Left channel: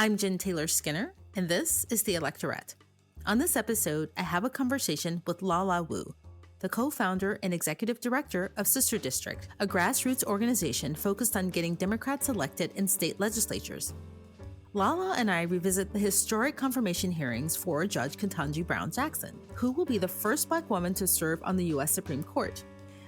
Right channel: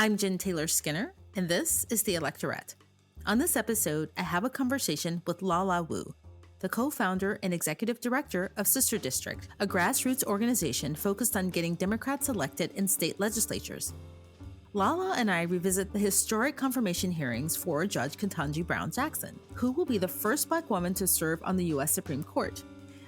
I'm Jen Taylor Skinner, and this is the Electorette. On this episode, I have a conversation with Lala Wu, the co-founder and executive director of Sister District, a grassroots organization focused on getting Democrats elected in state legislatures. Lala and I revisit the historic confirmation hearings for Judge Ketanji Brown Jackson, who will be the first Black woman to serve on the U.S. Supreme Court.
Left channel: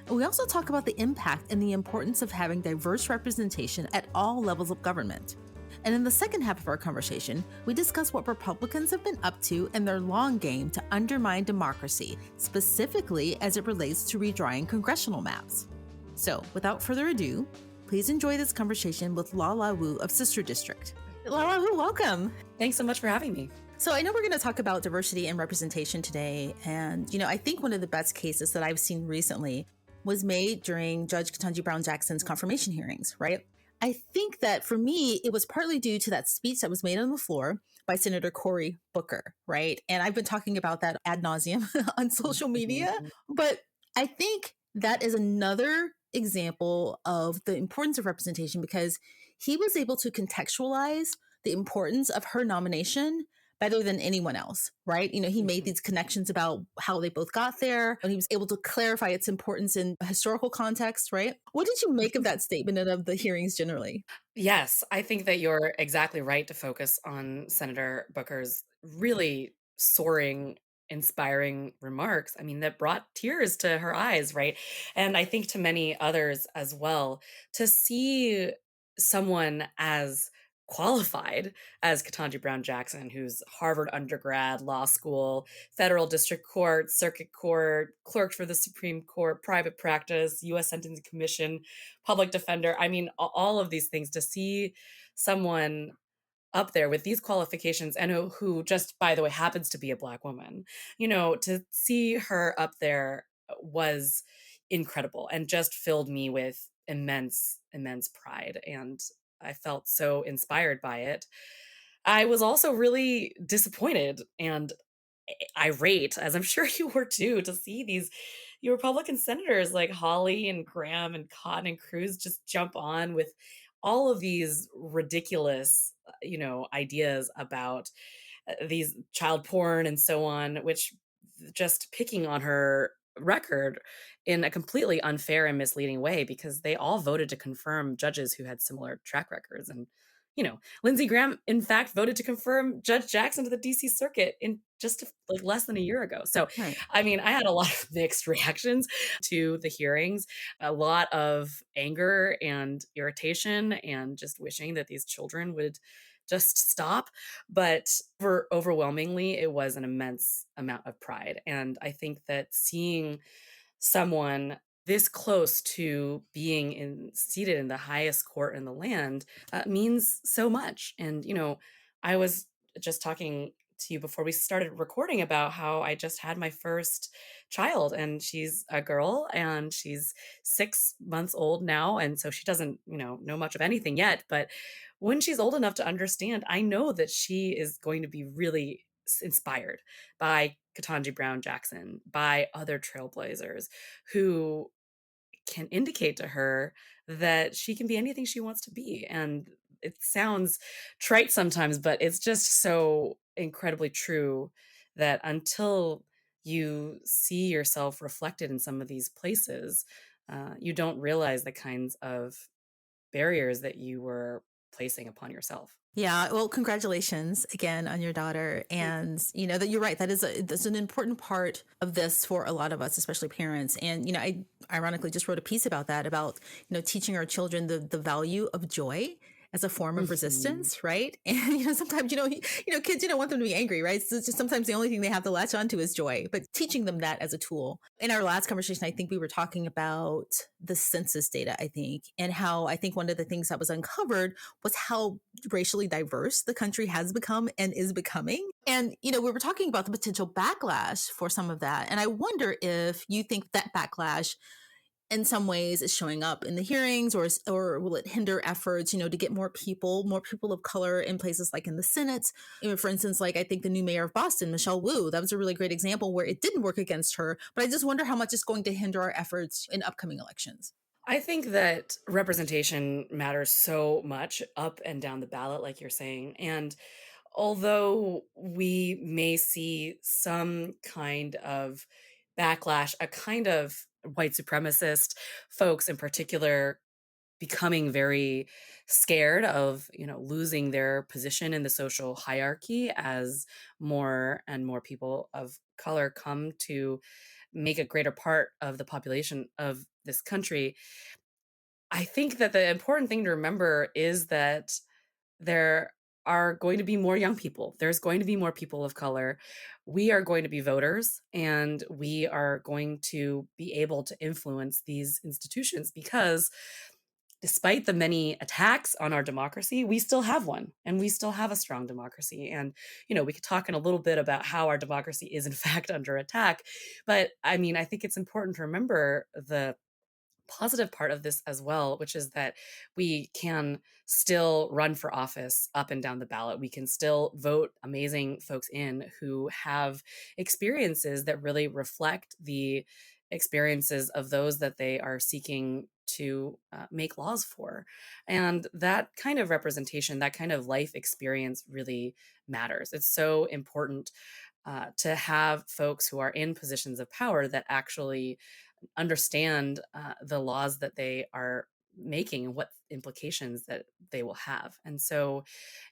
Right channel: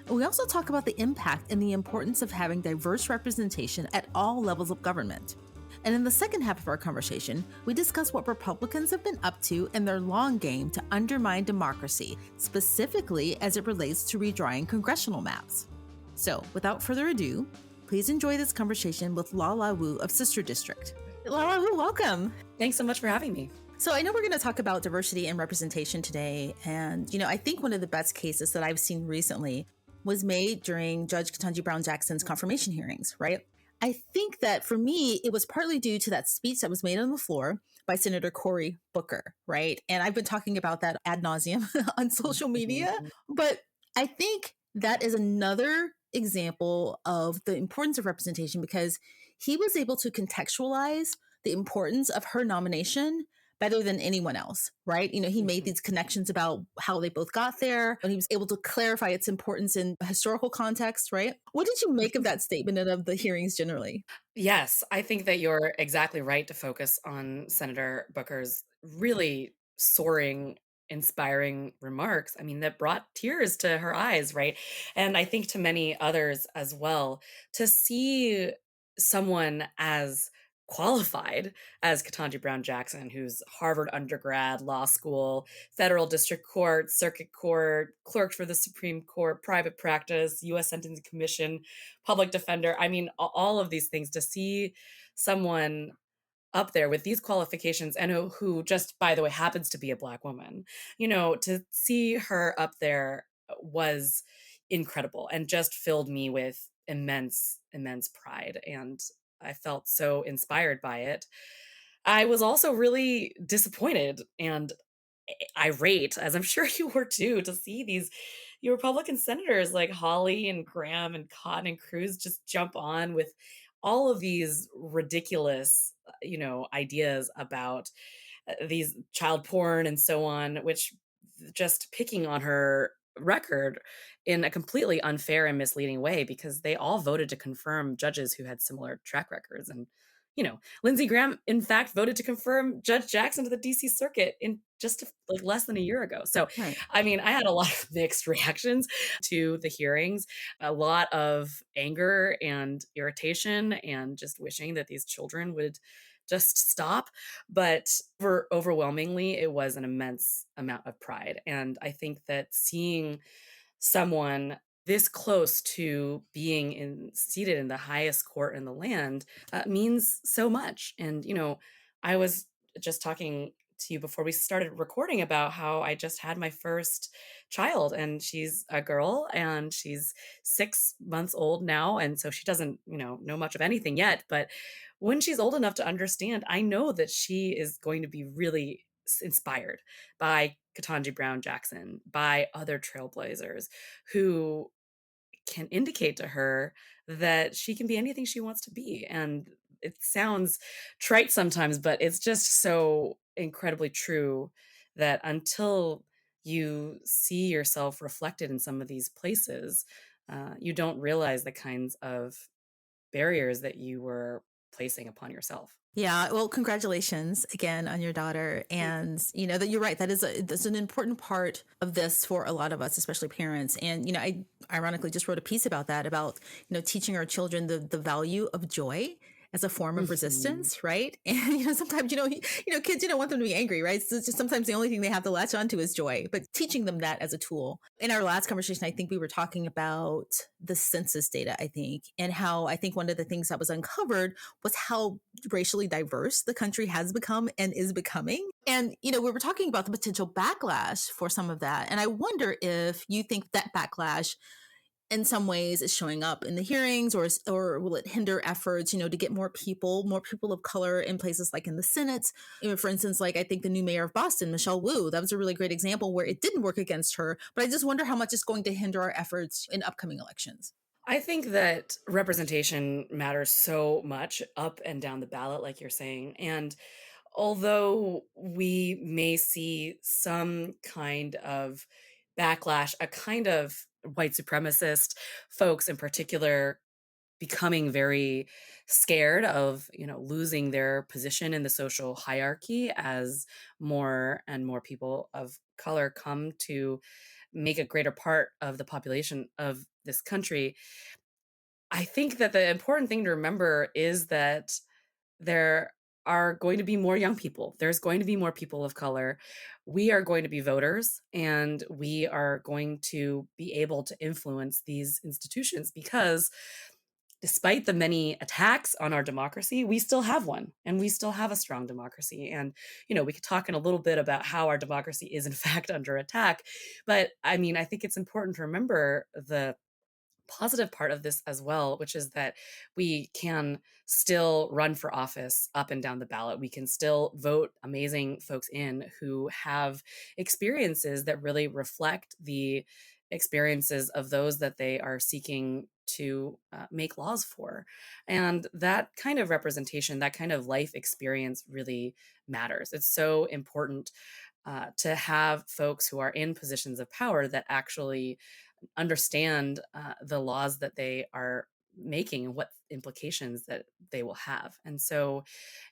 And we also talk about the impact and the importance of having diverse representation at all levels of government. And in the second half of our conversation, we discuss what Republicans have been up to in their long game to undermine democracy, specifically as it relates to redrawing congressional maps. So, without further ado, please enjoy this conversation with Lala Wu of Sister District. Lala Wu, welcome. Thanks so much for having me. So I know we're going to talk about diversity and representation today. And, I think one of the best cases that I've seen recently was made during Judge Ketanji Brown Jackson's confirmation hearings, right? I think that for me, it was partly due to that speech that was made on the floor by Senator Cory Booker, right? And I've been talking about that ad nauseum on social media, but I think that is another example of the importance of representation because he was able to contextualize the importance of her nomination better than anyone else, right? He made these connections about how they both got there, and he was able to clarify its importance in a historical context, right? What did you make of that statement and of the hearings generally? Yes, I think that you're exactly right to focus on Senator Booker's really soaring, inspiring remarks. I mean, that brought tears to her eyes, right? And I think to many others as well, to see someone as qualified as Ketanji Brown Jackson, who's Harvard undergrad, law school, federal district court, circuit court, clerked for the Supreme Court, private practice, U.S. Sentencing Commission, public defender. I mean, all of these things, to see someone up there with these qualifications and who just, by the way, happens to be a Black woman, to see her up there was incredible and just filled me with immense pride. And I felt so inspired by it. I was also really disappointed and irate, as I'm sure you were too, to see these Republican senators like Hawley and Graham and Cotton and Cruz just jump on with all of these ridiculous, ideas about these child porn and so on, which just picking on her record in a completely unfair and misleading way, because they all voted to confirm judges who had similar track records. And, Lindsey Graham, in fact, voted to confirm Judge Jackson to the DC Circuit in just less than a year ago. So, right. I mean, I had a lot of mixed reactions to the hearings, a lot of anger and irritation and just wishing that these children would just stop. But overwhelmingly, it was an immense amount of pride. And I think that seeing someone this close to being seated in the highest court in the land means so much. And, I was just talking to you before we started recording about how I just had my first child, and she's a girl and she's 6 months old now. And so she doesn't, know much of anything yet. But when she's old enough to understand, I know that she is going to be really inspired by Ketanji Brown Jackson, by other trailblazers who can indicate to her that she can be anything she wants to be. And it sounds trite sometimes, but it's just so incredibly true that until you see yourself reflected in some of these places, you don't realize the kinds of barriers that you were placing upon yourself. Yeah, well, congratulations again on your daughter. And, that you're right. That's an important part of this for a lot of us, especially parents. And, I ironically just wrote a piece about that, about, teaching our children the value of joy as a form of resistance, right? And sometimes kids, you don't want them to be angry, right? So it's just sometimes the only thing they have to latch onto is joy, but teaching them that as a tool. In our last conversation, I think we were talking about the census data, I think, and how I think one of the things that was uncovered was how racially diverse the country has become and is becoming. And, we were talking about the potential backlash for some of that. And I wonder if you think that backlash in some ways is showing up in the hearings, or will it hinder efforts, to get more people of color in places like in the Senate? For instance, like I think the new mayor of Boston, Michelle Wu, that was a really great example where it didn't work against her. But I just wonder how much it's going to hinder our efforts in upcoming elections. I think that representation matters so much up and down the ballot, like you're saying. And although we may see some kind of backlash, a kind of white supremacist folks in particular becoming very scared of, losing their position in the social hierarchy as more and more people of color come to make a greater part of the population of this country. I think that the important thing to remember is that there are going to be more young people. There's going to be more people of color. We are going to be voters and we are going to be able to influence these institutions because despite the many attacks on our democracy, we still have one and we still have a strong democracy. And, we could talk in a little bit about how our democracy is in fact under attack. But I mean, I think it's important to remember the positive part of this as well, which is that we can still run for office up and down the ballot. We can still vote amazing folks in who have experiences that really reflect the experiences of those that they are seeking to make laws for. And that kind of representation, that kind of life experience really matters. It's so important to have folks who are in positions of power that actually understand the laws that they are making and what implications that they will have. And so,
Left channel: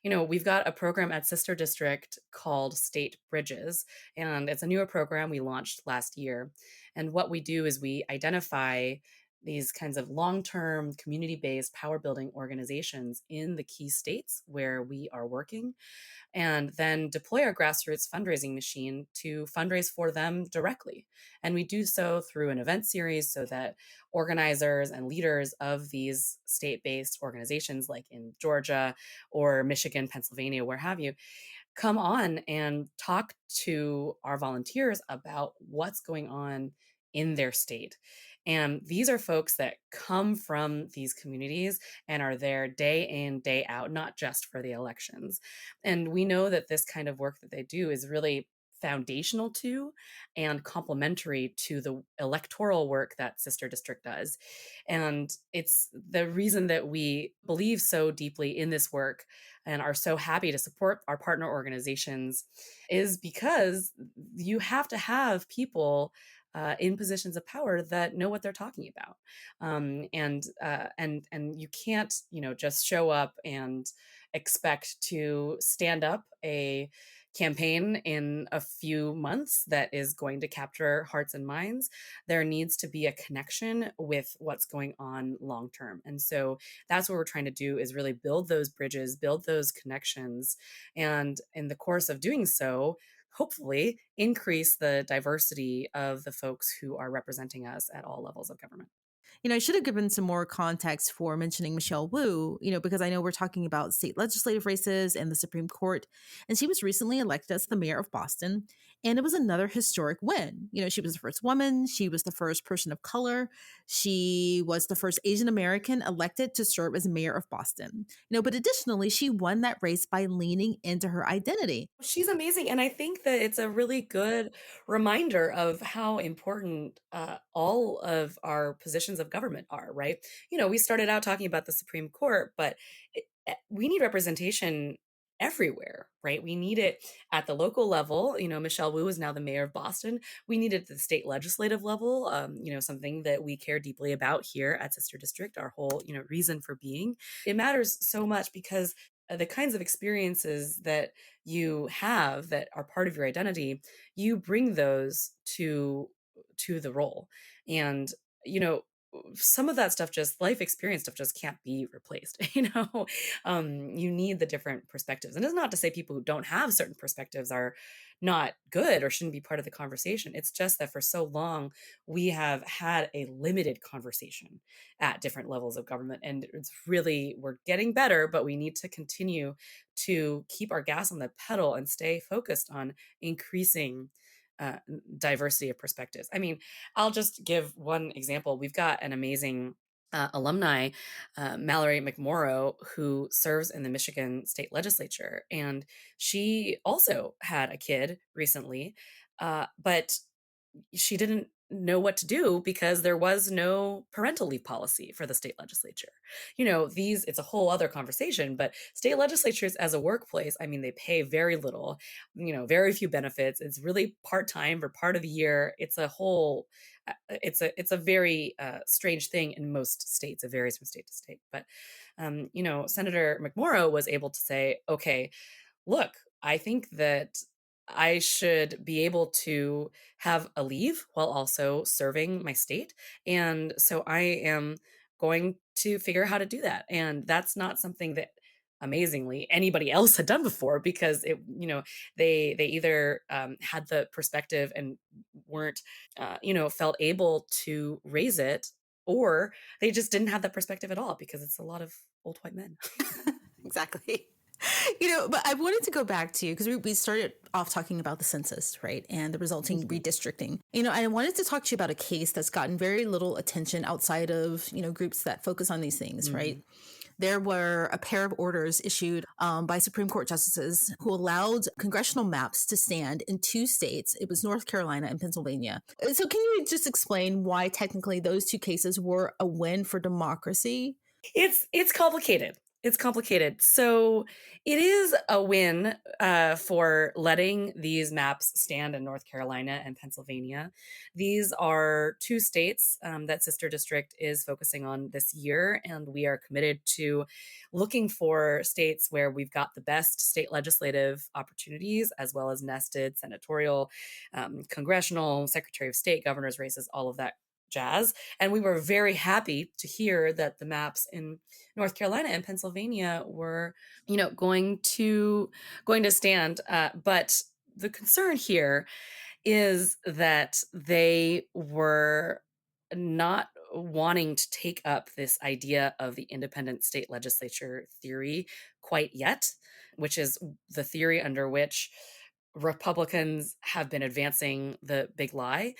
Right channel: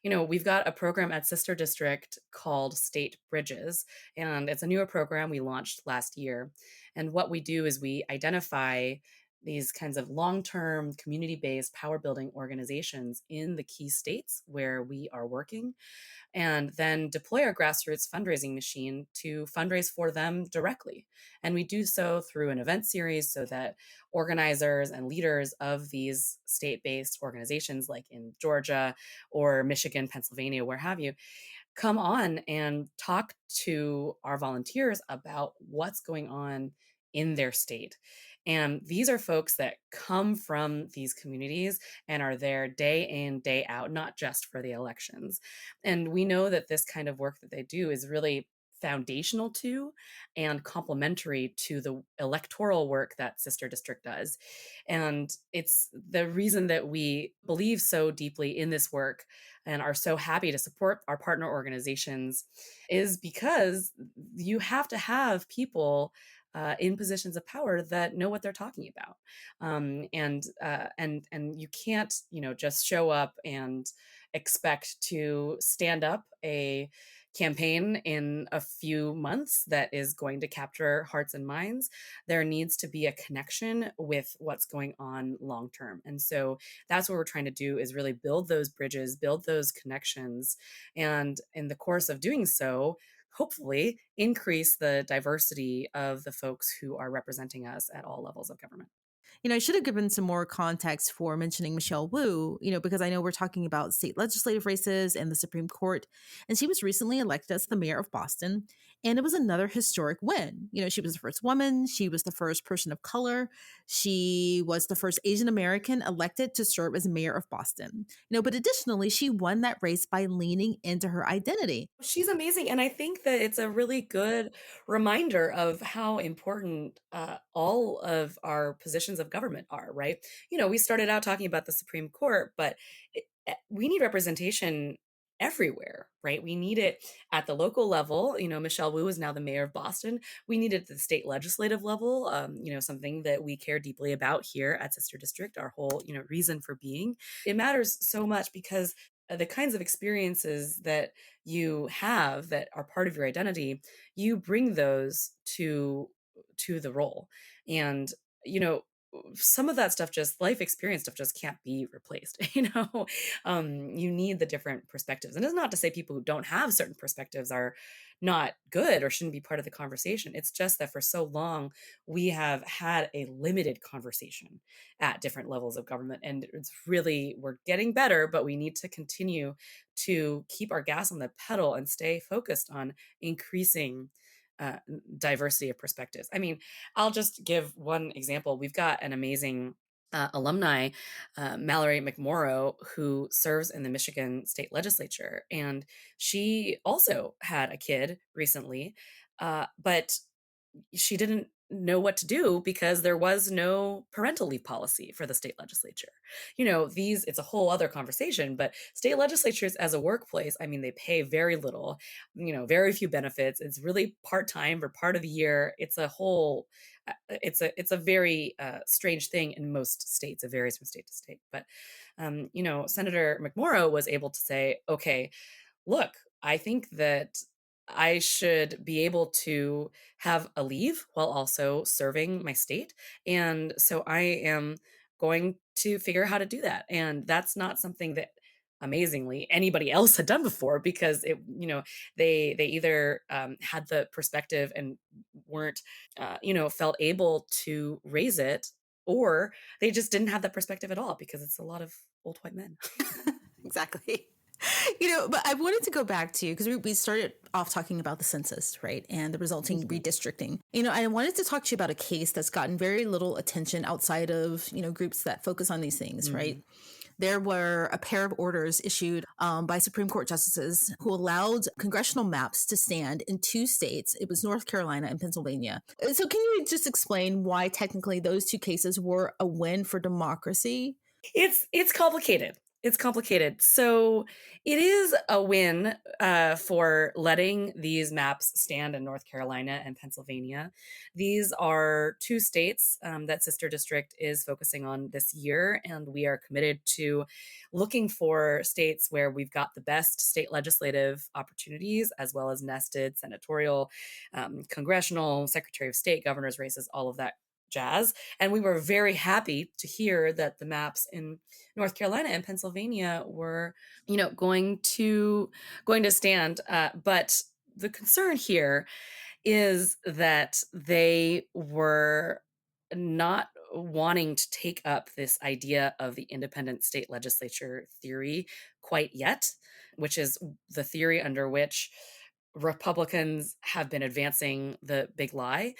we've got a program at Sister District called State Bridges, and it's a newer program we launched last year. And what we do is we identify these kinds of long term community based power building organizations in the key states where we are working and then deploy our grassroots fundraising machine to fundraise for them directly. And we do so through an event series so that organizers and leaders of these state based organizations, like in Georgia or Michigan, Pennsylvania, where have you, come on and talk to our volunteers about what's going on in their state. And these are folks that come from these communities and are there day in, day out, not just for the elections. And we know that this kind of work that they do is really foundational to and complementary to the electoral work that Sister District does. And it's the reason that we believe so deeply in this work and are so happy to support our partner organizations is because you have to have people in positions of power that know what they're talking about, and you can't just show up and expect to stand up a campaign in a few months that is going to capture hearts and minds. There needs to be a connection with what's going on long term. And so that's what we're trying to do is really build those bridges, build those connections. And in the course of doing so, hopefully increase the diversity of the folks who are representing us at all levels of government. I should have given some more context for mentioning Michelle Wu, because I know we're talking about state legislative races and the Supreme Court. And she was recently elected as the mayor of Boston. And it was another historic win. She was the first woman. She was the first person of color. She was the first Asian American elected to serve as mayor of Boston. But additionally, she won that race by leaning into her identity. She's amazing. And I think that it's a really good reminder of how important all of our positions of government are, right? We started out talking about the Supreme Court, but we need representation everywhere, right? We need it at the local level. Michelle Wu is now the mayor of Boston. We need it at the state legislative level, something that we care deeply about here at Sister District, our whole, reason for being. It matters so much because the kinds of experiences that you have that are part of your identity, you bring those to the role. And some of that stuff, just life experience stuff, just can't be replaced. You need the different perspectives, and it's not to say people who don't have certain perspectives are not good or shouldn't be part of the conversation. It's just that for so long we have had a limited conversation at different levels of government, and it's really, we're getting better, but we need to continue to keep our gas on the pedal and stay focused on increasing uh, diversity of perspectives. I mean, I'll just give one example. We've got an amazing alumni, Mallory McMorrow, who serves in the Michigan State Legislature. And she also had a kid recently, but she didn't know what to do because there was no parental leave policy for the state legislature. It's a whole other conversation, but state legislatures as a workplace, I mean, they pay very little, very few benefits. It's really part-time for part of the year. It's a very strange thing in most states. It varies from state to state. But, Senator McMorrow was able to say, okay, look, I think that I should be able to have a leave while also serving my state. And so I am going to figure out how to do that. And that's not something that amazingly anybody else had done before because they either had the perspective and weren't felt able to raise it, or they just didn't have that perspective at all because it's a lot of old white men. Exactly. But I wanted to go back to, because we started off talking about the census, right, and the resulting redistricting. I wanted to talk to you about a case that's gotten very little attention outside of, groups that focus on these things, right? There were a pair of orders issued by Supreme Court justices who allowed congressional maps to stand in two states. It was North Carolina and Pennsylvania. So can you just explain why technically those two cases were a win for democracy? It's complicated. It's complicated. So it is a win for letting these maps stand in North Carolina and Pennsylvania. These are two states that Sister District is focusing on this year, and we are committed to looking for states where we've got the best state legislative opportunities, as well as nested senatorial, congressional, Secretary of State, governor's races, all of that jazz. And we were very happy to hear that the maps in North Carolina and Pennsylvania were, going to stand. But the concern here is that they were not wanting to take up this idea of the independent state legislature theory quite yet, which is the theory under which Republicans have been advancing the big lie.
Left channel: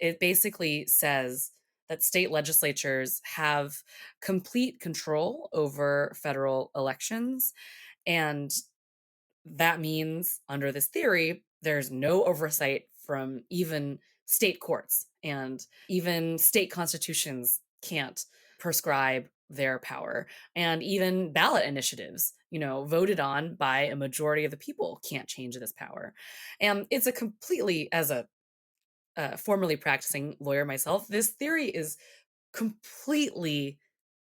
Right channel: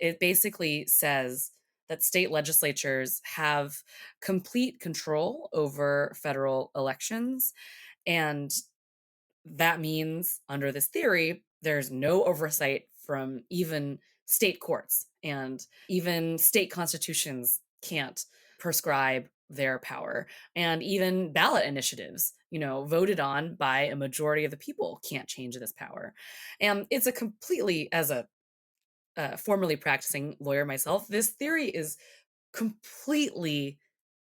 It basically says that state legislatures have complete control over federal elections. And that means, under this theory, there's no oversight from even state courts, and even state constitutions can't prescribe their power. And even ballot initiatives, voted on by a majority of the people, can't change this power. And it's a completely, as a formerly practicing lawyer myself, this theory is completely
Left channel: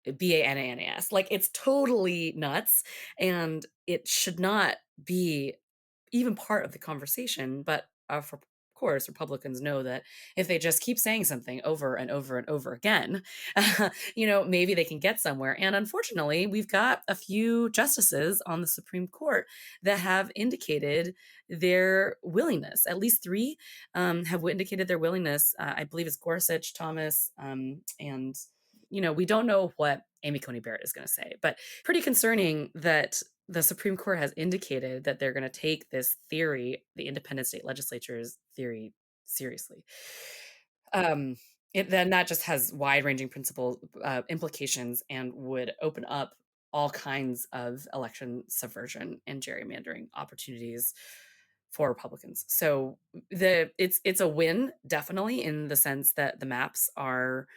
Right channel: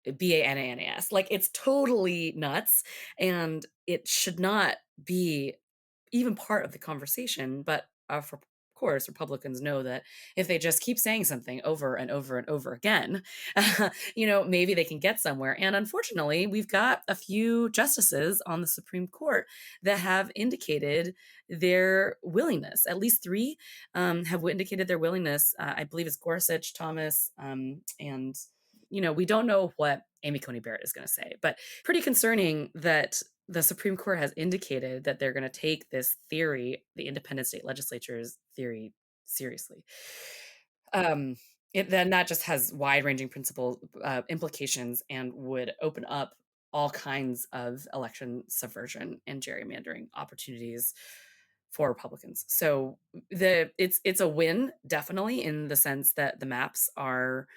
bananas. Like, it's totally nuts, and it should not be even part of the conversation. But of course, Republicans know that if they just keep saying something over and over and over again, maybe they can get somewhere. And unfortunately, we've got a few justices on the Supreme Court that have indicated their willingness. At least three have indicated their willingness. I believe it's Gorsuch, Thomas, and we don't know what Amy Coney Barrett is going to say, but pretty concerning that the Supreme Court has indicated that they're going to take this theory, the independent state legislature's theory, seriously. Then that just has wide-ranging principle implications and would open up all kinds of election subversion and gerrymandering opportunities for Republicans. So it's a win, definitely, in the sense that the maps are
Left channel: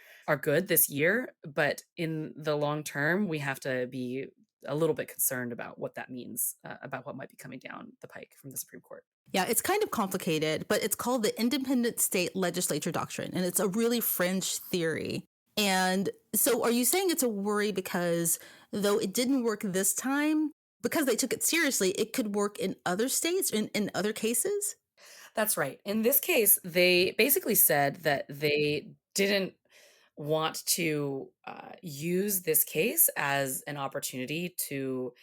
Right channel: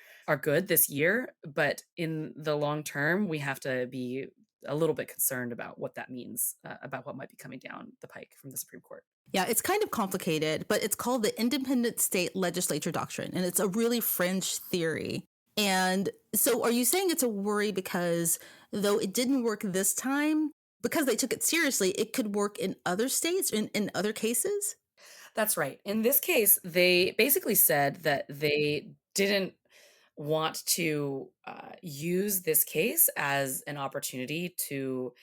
good this year, but in the long term, we have to be a little bit concerned about what that means, about what might be coming down the pike from the Supreme Court. Yeah, it's kind of complicated, but it's called the Independent State Legislature doctrine, and it's a really fringe theory. And so are you saying it's a worry because though it didn't work this time, because they took it seriously, it could work in other states, in other cases? That's right. In this case, they basically said that they didn't want to use this case as an opportunity to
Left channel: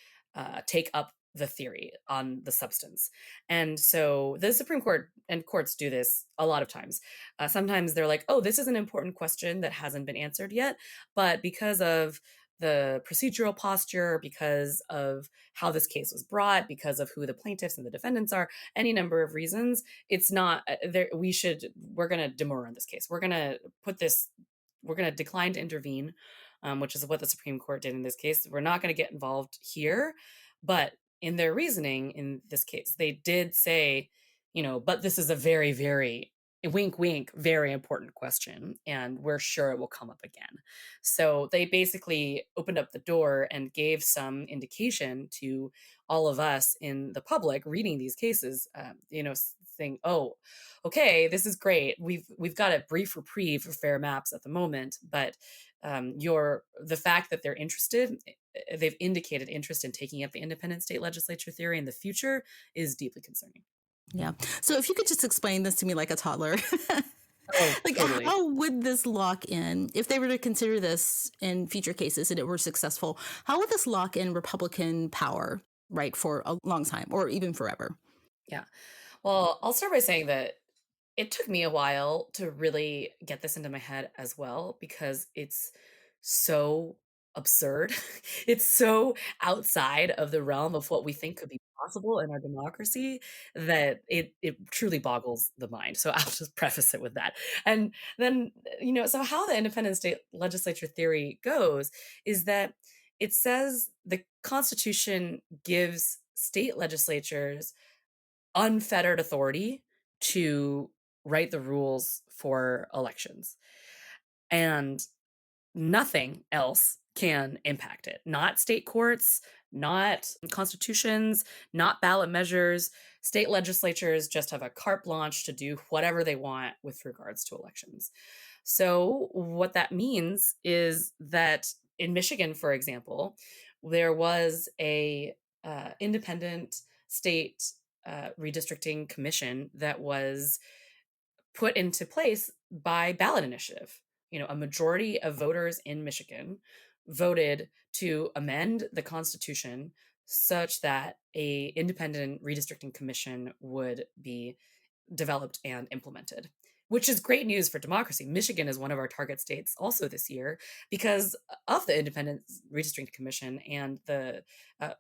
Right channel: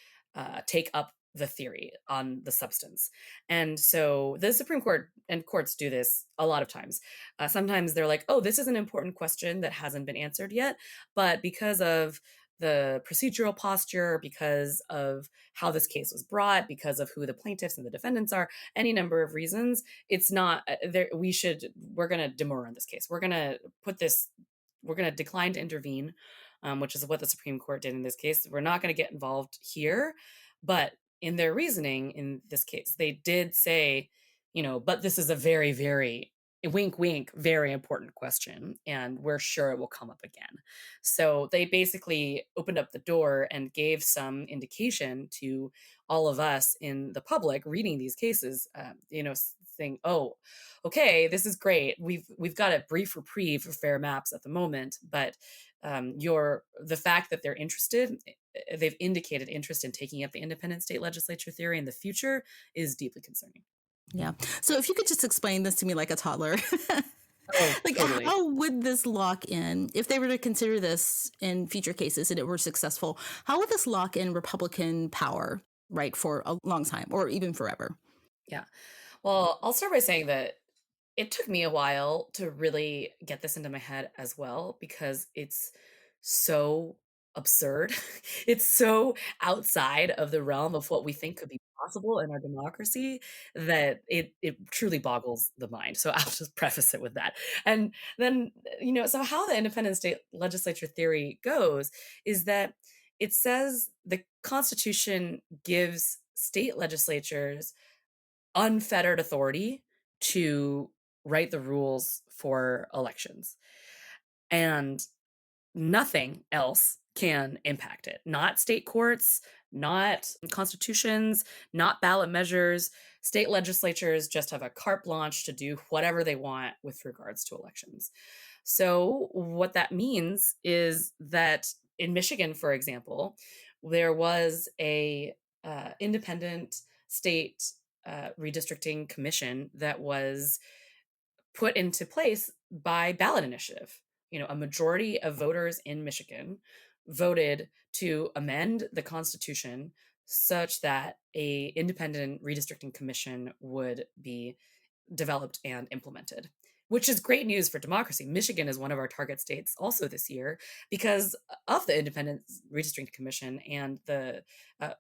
take up the theory on the substance. And so the Supreme Court and courts do this a lot of times. Sometimes they're like, oh, this is an important question that hasn't been answered yet, but because of the procedural posture, because of how this case was brought, because of who the plaintiffs and the defendants are, any number of reasons, it's not there. We're going to demur in this case. We're going to decline to intervene, which is what the Supreme Court did in this case. We're not going to get involved here. But in their reasoning in this case, they did say, but this is a very, very wink, wink, very important question. And we're sure it will come up again. So they basically opened up the door and gave some indication to all of us in the public reading these cases, saying, oh, okay, this is great. We've got a brief reprieve for fair maps at the moment, but the fact that they're interested, they've indicated interest in taking up the independent state legislature theory in the future is deeply concerning. Yeah. So if you could just explain this to me like a toddler, Oh, like totally. how would this lock in, if they were to consider this in future cases and it were successful, how would this lock in Republican power, right, for a long time or even forever? Yeah. Well, I'll start by saying that it took me a while to really get this into my head as well because it's so absurd. It's so outside of the realm of what we think could be possible in our democracy that it truly boggles the mind. So I'll just preface it with that. And then, so how the independent state legislature theory goes is that it says the Constitution gives state legislatures unfettered authority to write the rules for elections. And nothing else can impact it. Not state courts, not constitutions, not ballot measures. State legislatures just have a carte blanche to do whatever they want with regards to elections. So, what that means is that in Michigan, for example, there was a independent state redistricting commission that was put into place by ballot initiative. A majority of voters in Michigan voted to amend the Constitution such that a independent redistricting commission would be developed and implemented, which is great news for democracy. Michigan is one of our target states also this year because of the Independent Redistricting Commission and the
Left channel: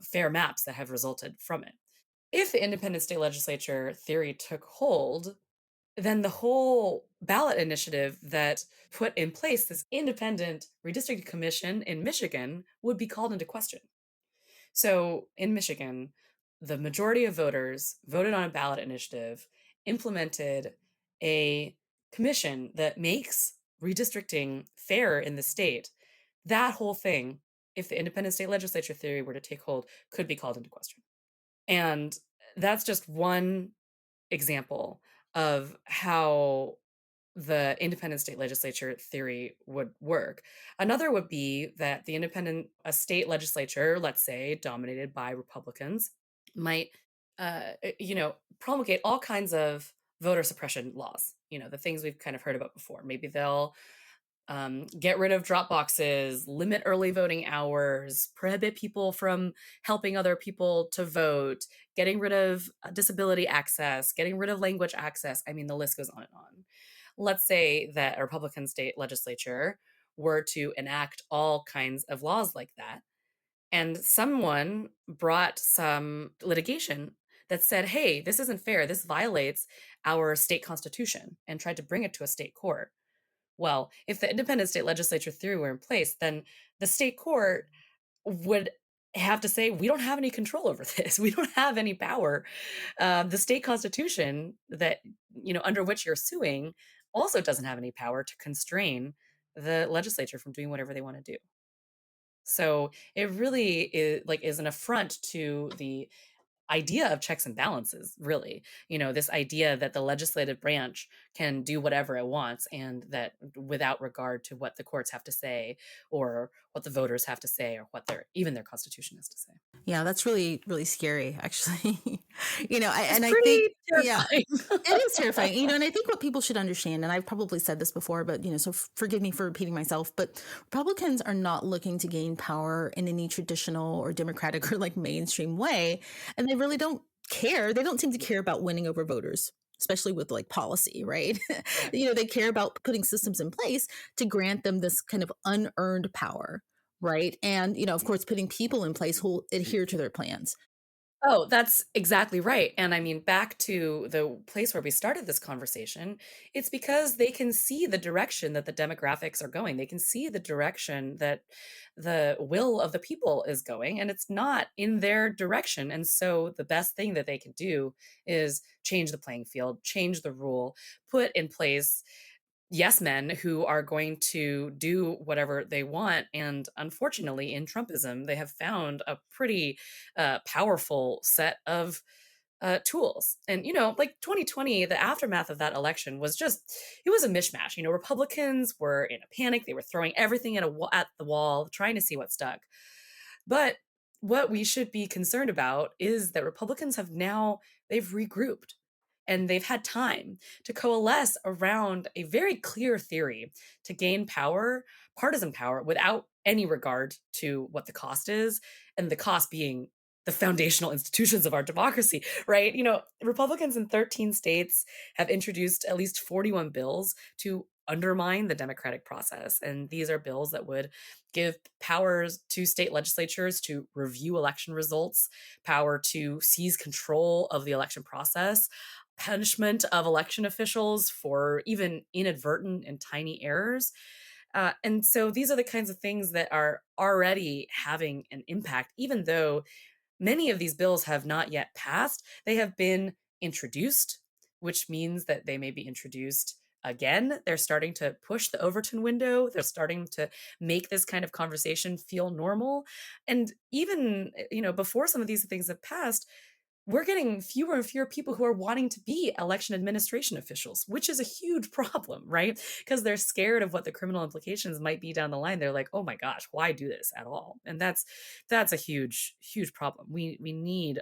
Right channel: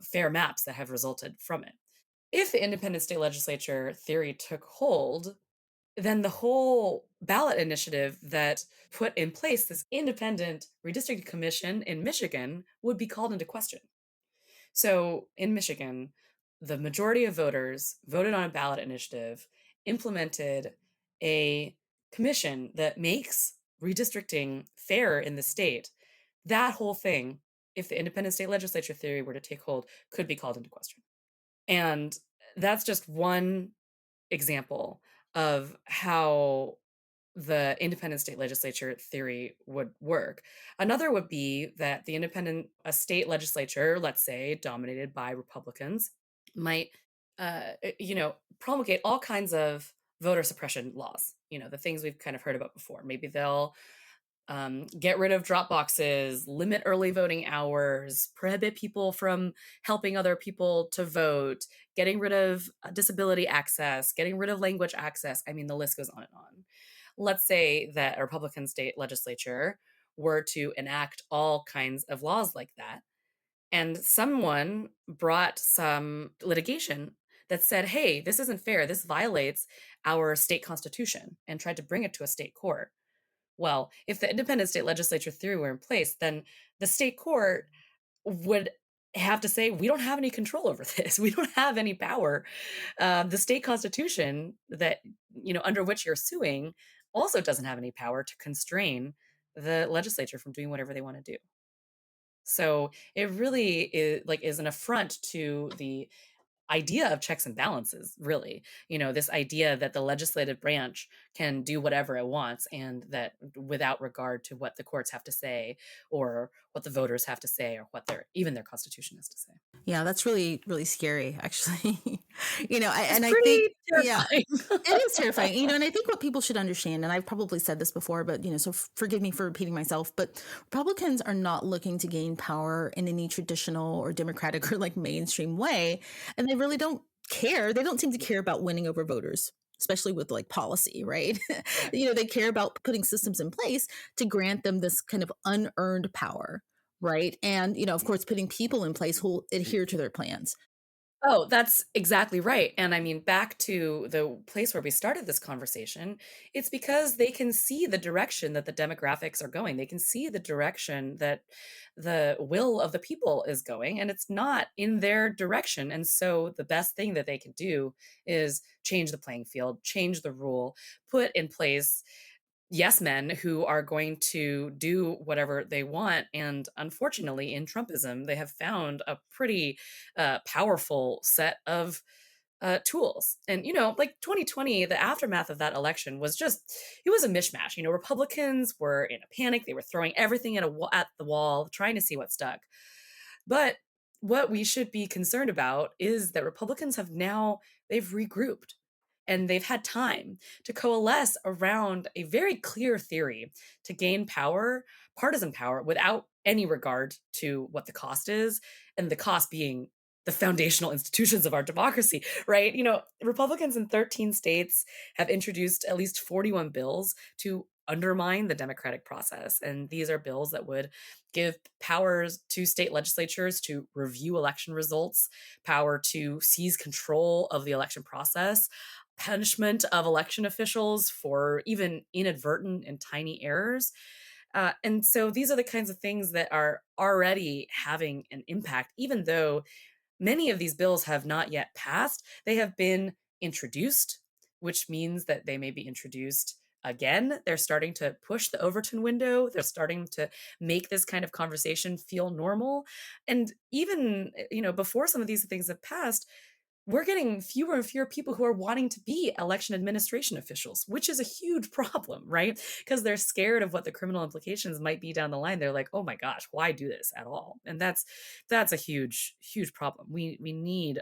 fair maps that have resulted from it. If the independent state legislature theory took hold, then the whole ballot initiative that put in place this independent redistricting commission in Michigan would be called into question. So in Michigan, the majority of voters voted on a ballot initiative, implemented a commission that makes redistricting fair in the state. That whole thing, if the independent state legislature theory were to take hold, could be called into question. And that's just one example of how the independent state legislature theory would work. Another would be that the independent state legislature, let's say dominated by Republicans, might, promulgate all kinds of voter suppression laws. The things we've kind of heard about before. Maybe they'll get rid of drop boxes, limit early voting hours, prohibit people from helping other people to vote, getting rid of disability access, getting rid of language access. I mean, the list goes on and on. Let's say that a Republican state legislature were to enact all kinds of laws like that, and someone brought some litigation that said, hey, this isn't fair, this violates our state constitution, and tried to bring it to a state court. Well, if the independent state legislature theory were in place, then the state court would have to say, we don't have any control over this. We don't have any power. The state constitution that, under which you're suing also doesn't have any power to constrain the legislature from doing whatever they want to do. So it really is an affront to the idea of checks and balances, really. This idea that the legislative branch can do whatever it wants and that without regard to what the courts have to say or what the voters have to say or what even their constitution has to say. Yeah, that's really, really scary, actually. It's I think, pretty yeah, terrifying. it is terrifying. And I think what people should understand, and I've probably said this before, but, so forgive me for repeating myself, but Republicans are not looking to gain power in any traditional or democratic or like mainstream way. And they really don't care. They don't seem to care about winning over voters, especially with like policy, right? Yeah. They care about putting systems in place to grant them this kind of unearned power, right? And, of course, putting people in place who will adhere to their plans. Oh, that's exactly right. And I mean, back to the place where we started this conversation, it's because they can see the direction that the demographics are going. They can see the direction that the will of the people is going, and it's not in their direction. And so the best thing that they can do is change the playing field, change the rule, put in place yes men who are going to do whatever they want. And unfortunately, in Trumpism, they have found a pretty powerful set of tools. And, like 2020, the aftermath of that election was just, it was a mishmash. Republicans were in a panic. They were throwing everything at the wall, trying to see what stuck. But what we should be concerned about is that Republicans they've regrouped and they've had time to coalesce around a very clear theory to gain power, partisan power, without any regard to what the cost is, and the cost being the foundational institutions of our democracy, right? Republicans in 13 states have introduced at least 41 bills to undermine the democratic process. And these are bills that would give powers to state legislatures to review election results, power to seize control of the election process, punishment of election officials for even inadvertent and tiny errors. And so these are the kinds of things that are already having an impact, even though many of these bills have not yet passed. They have been introduced, which means that they may be introduced again. They're starting to push the Overton window. They're starting to make this kind of conversation feel normal. And even, before some of these things have passed, we're getting fewer and fewer people who are wanting to be election administration officials, which is a huge problem, right? Because they're scared of what the criminal implications might be down the line. They're like, oh my gosh, why do this at all? And that's a huge, huge problem. We need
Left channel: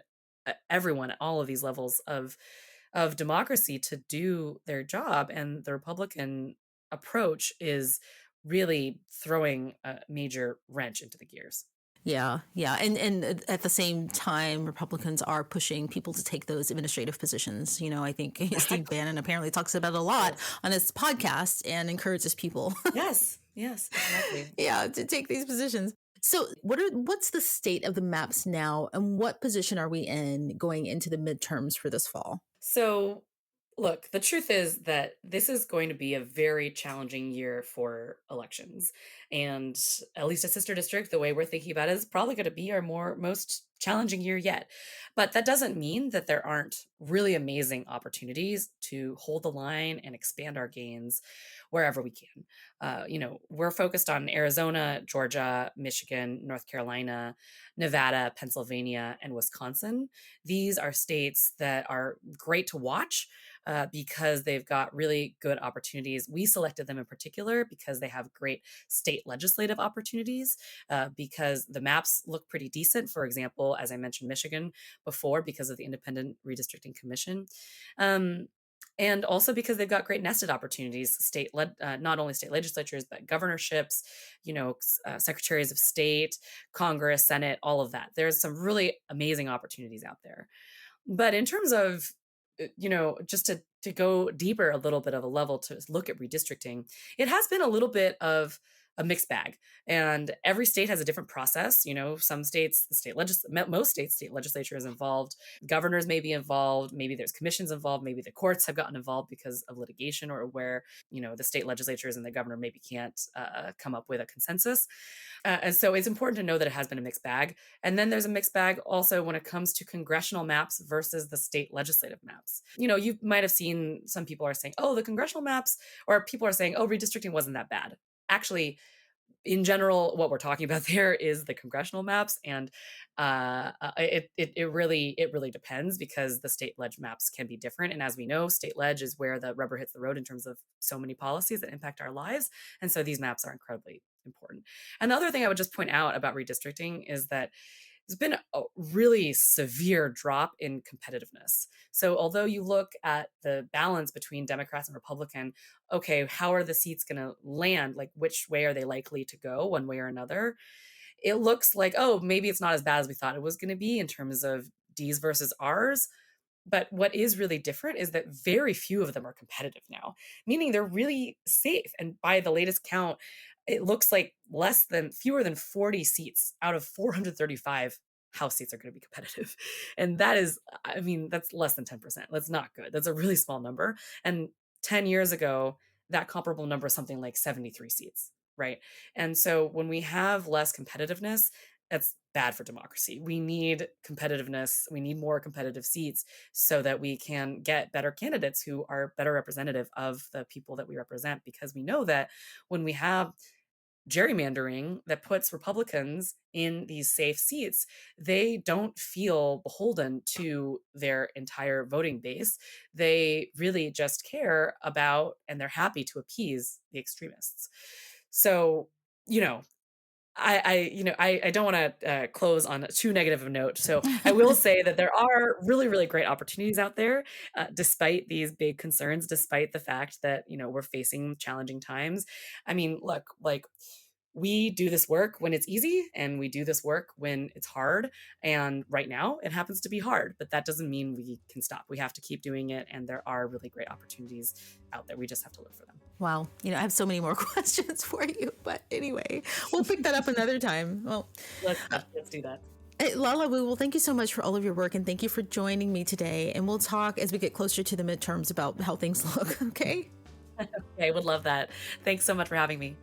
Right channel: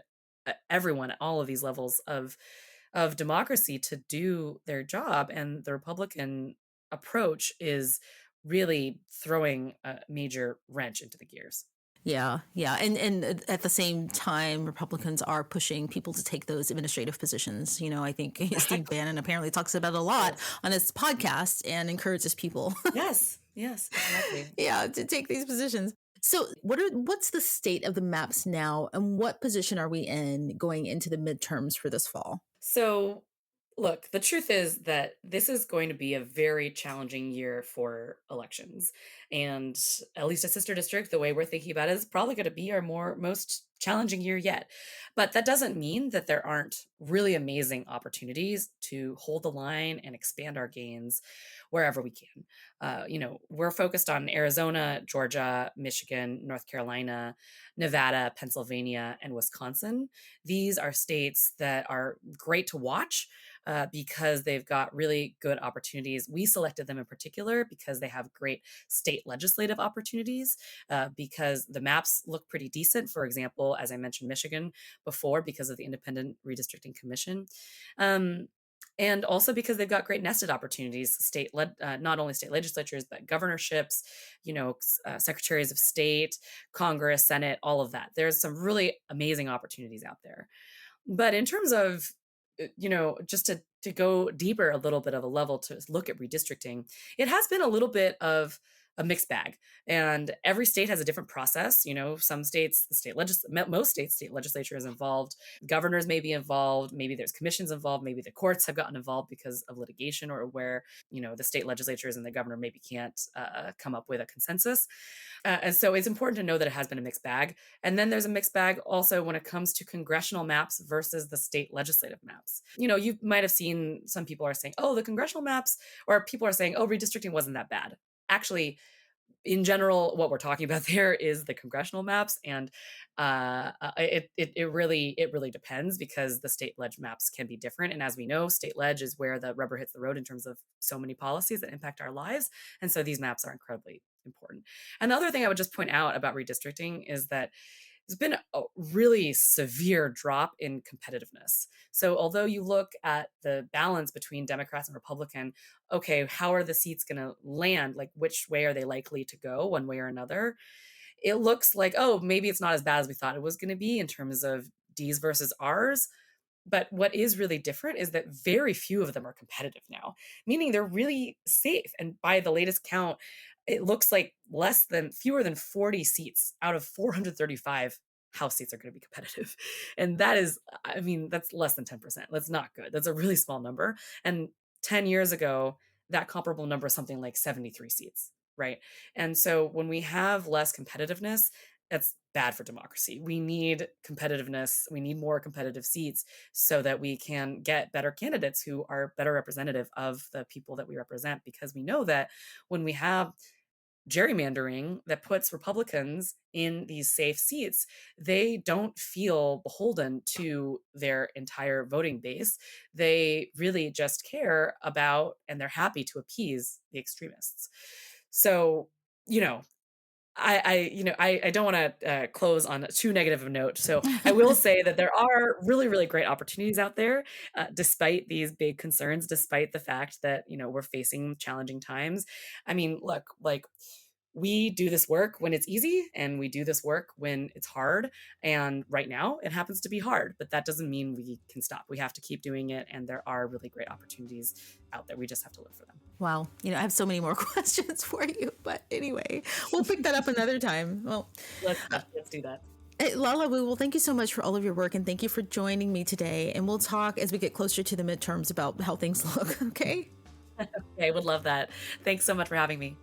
everyone at all of these levels of democracy to do their job, and the Republican approach is really throwing a major wrench into the gears. Yeah, yeah, and at the same time, Republicans are pushing people to take those administrative positions. I think Steve Bannon apparently talks about it a lot on his podcast and encourages people, Yes, yes, exactly. yeah, to take these positions. So, what's the state of the maps now, and what position are we in going into the midterms for this fall? So, look, the truth is that this is going to be a very challenging year for elections. And at least a sister district, the way we're thinking about it, is probably going to be our most challenging year yet. But that doesn't mean that there aren't really amazing opportunities to hold the line and expand our gains wherever we can. We're focused on Arizona, Georgia, Michigan, North Carolina, Nevada, Pennsylvania, and Wisconsin. These are states that are great to watch because they've got really good opportunities. We selected them in particular because they have great state legislative opportunities, because the maps look pretty decent. For example, as I mentioned, Michigan before, because of the Independent Redistricting Commission. Um, and also because they've got great nested opportunities, not only state legislatures, but governorships, secretaries of state, Congress, Senate, all of that. There's some really amazing opportunities out there. But in terms of, just to go deeper a little bit of a level to look at redistricting, it has been a little bit of a mixed bag. And every state has a different process. Some states, most states, state legislature is involved. Governors may be involved. Maybe there's commissions involved. Maybe the courts have gotten involved because of litigation, or where, the state legislatures and the governor maybe can't come up with a consensus. And so it's important to know that it has been a mixed bag. And then there's a mixed bag also when it comes to congressional maps versus the state legislative maps. You might have seen some people are saying, oh, the congressional maps, or people are saying, oh, redistricting wasn't that bad. Actually, in general, what we're talking about there is the congressional maps, and it really depends, because the state ledge maps can be different. And as we know, state ledge is where the rubber hits the road in terms of so many policies that impact our lives, and so these maps are incredibly important. Another thing I would just point out about redistricting is that there's been a really severe drop in competitiveness. So although you look at the balance between Democrats and Republican, okay, how are the seats going to land? Like, which way are they likely to go, one way or another? It looks like, oh, maybe it's not as bad as we thought it was going to be in terms of D's versus R's. But what is really different is that very few of them are competitive now, meaning they're really safe. And by the latest count, it looks like fewer than 40 seats out of 435 House seats are going to be competitive. And that is, that's less than 10%. That's not good. That's a really small number. And 10 years ago, that comparable number is something like 73 seats. right? And so when we have less competitiveness, that's bad for democracy. We need competitiveness. We need more competitive seats so that we can get better candidates who are better representative of the people that we represent. Because we know that when we have gerrymandering that puts Republicans in these safe seats, they don't feel beholden to their entire voting base. They really just care about and they're happy to appease the extremists. So, you know, I don't want to close on too negative of a note. So I will say that there are really, really great opportunities out there, despite these big concerns, despite the fact that, we're facing challenging times. I mean, look, like we do this work when it's easy and we do this work when it's hard. And right now it happens to be hard, but that doesn't mean we can stop. We have to keep doing it. And there are really great opportunities out there. We just have to look for them. Wow. I have so many more questions for you, but anyway, we'll pick that up another time. Well, let's do that. Lala Wu, well, thank you so much for all of your work and thank you for joining me today. And we'll talk as we get closer to the midterms about how things look. Okay. Okay, would love that. Thanks so much for having me.